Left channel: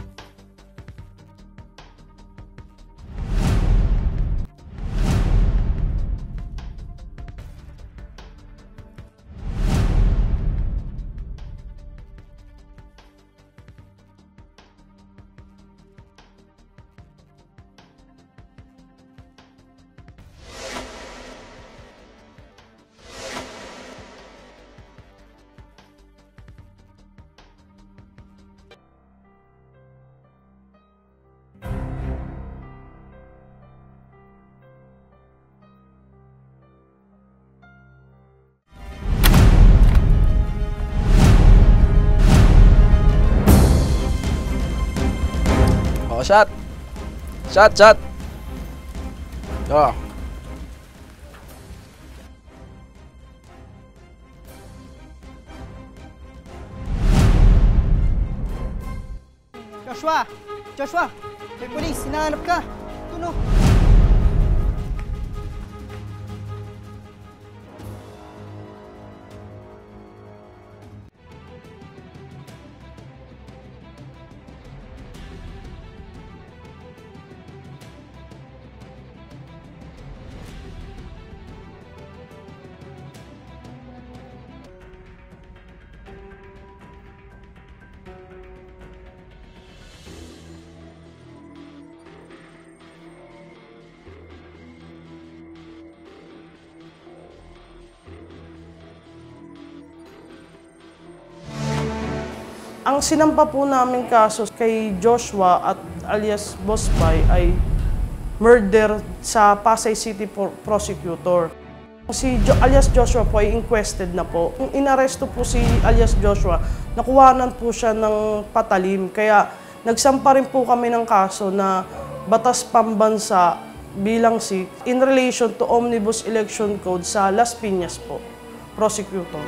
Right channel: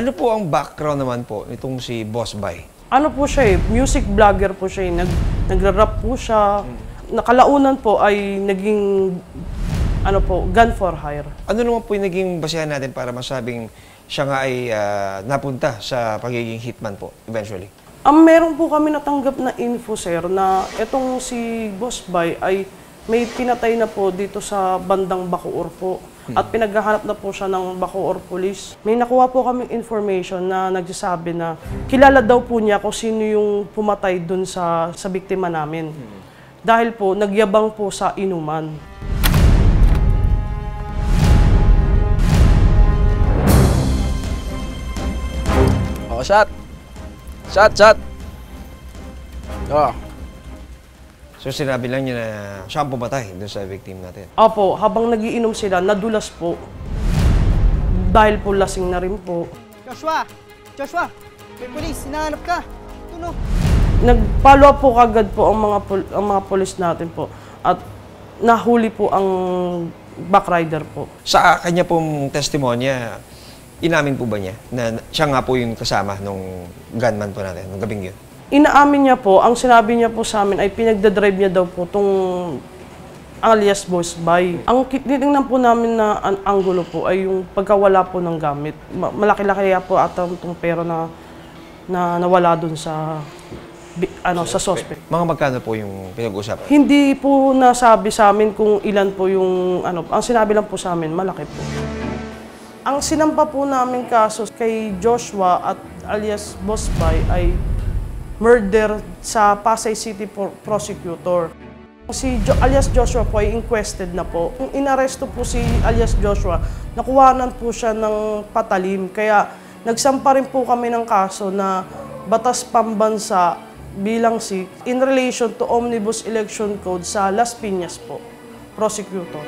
Ano po ang background naman po nitong si Boss Bay? Ano po siya music vlogger po siya nagra-rap po siya. Nakalaunan po ay naging gun for hire. Ano naman po yung naging basihan natin para masabing siya nga ay napunta sa pagiging hitman po eventually? Meron po kami natanggap na info, sir, na itong si Boss Bay ay may pinatay na po dito sa bandang Bacoor po. At pinaghahanap na po siya ng Bacoor Police. May nakuha po kaming information na nagsasabi na kilala daw po niya kung sino yung pumatay dun sa biktima namin. Dahil po, nagyabang po sa inuman. Oh, shot! Shot! Oh. So sinabi lang niya na siya ang pumatay doon sa victim natin? Opo, habang nagiinom sila, nadulas po. Dahil po lasing na rin po. Joshua! May polis, hinahanap ka! Tuno! Nag-follow up po kagad po ang mga polis natin po. At nahuli po ang backrider po. Sa kanya pong testimonya, inamin po ba niya na siya nga po yung kasama nung gunman po natin, nung gabing yun? Inaamin niya po, ang sinabi niya po sa amin ay pinagdadrive niya daw po itong alias Boss Bay. Ang titingnan po namin na anggulo po ay yung pagkawala po ng gamit. Malaki-laki po ata itong pera na nawala dun sa suspect. Mga magkano po yung pinag-usapan? Hindi po nasabi sa amin kung ilan po yung ang sinabi lang po sa amin, malaki po. Ang sinampa po namin kaso kay Joshua at alias Boss Bay ay murder sa Pasay City prosecutor. Si alias Joshua po ay inquested na po. Nung inaresto po si alias Joshua, nakuhanan po siya ng patalim. Kaya nagsampa rin po kami ng kaso na batas pambansa bilang 6 in relation to Omnibus Election Code sa Las Piñas po, prosecutor.